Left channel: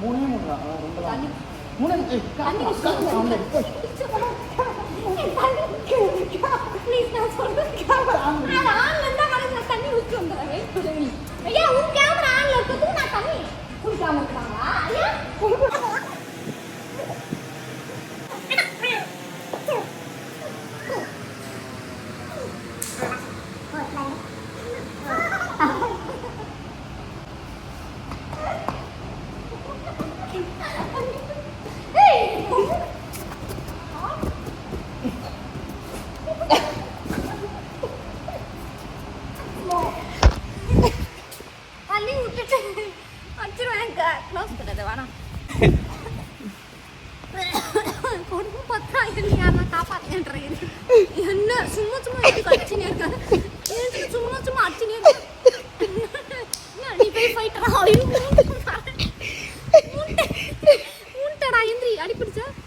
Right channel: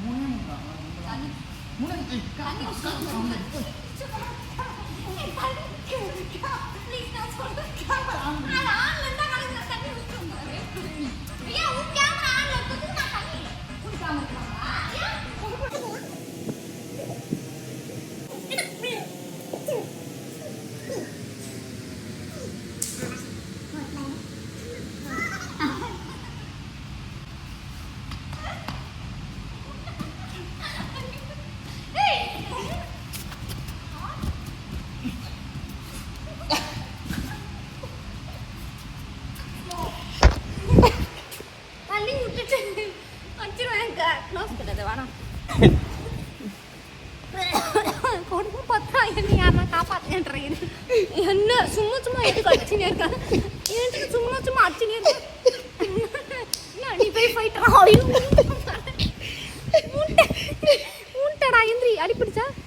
மூணே மூணு தான் ரொம்ப மூணு தண்ணி விட்டுட்டு வச்சிருவேன். க்ளோஸ் பண்ணது வேணாம். கொடுத்து பார்த்தா என்ன யாரா காப்பாற்றுன்றீங்க. என்ன சும்மா சும்மா எடுத்து அடிச்சுன்னு இருக்கேன். சும்மா சும்மா அடிச்சுன்னு இருக்கேன். நீ போய் போயிட்டா. மூட்டடா எந்திரி அடிப்பிடிச்சா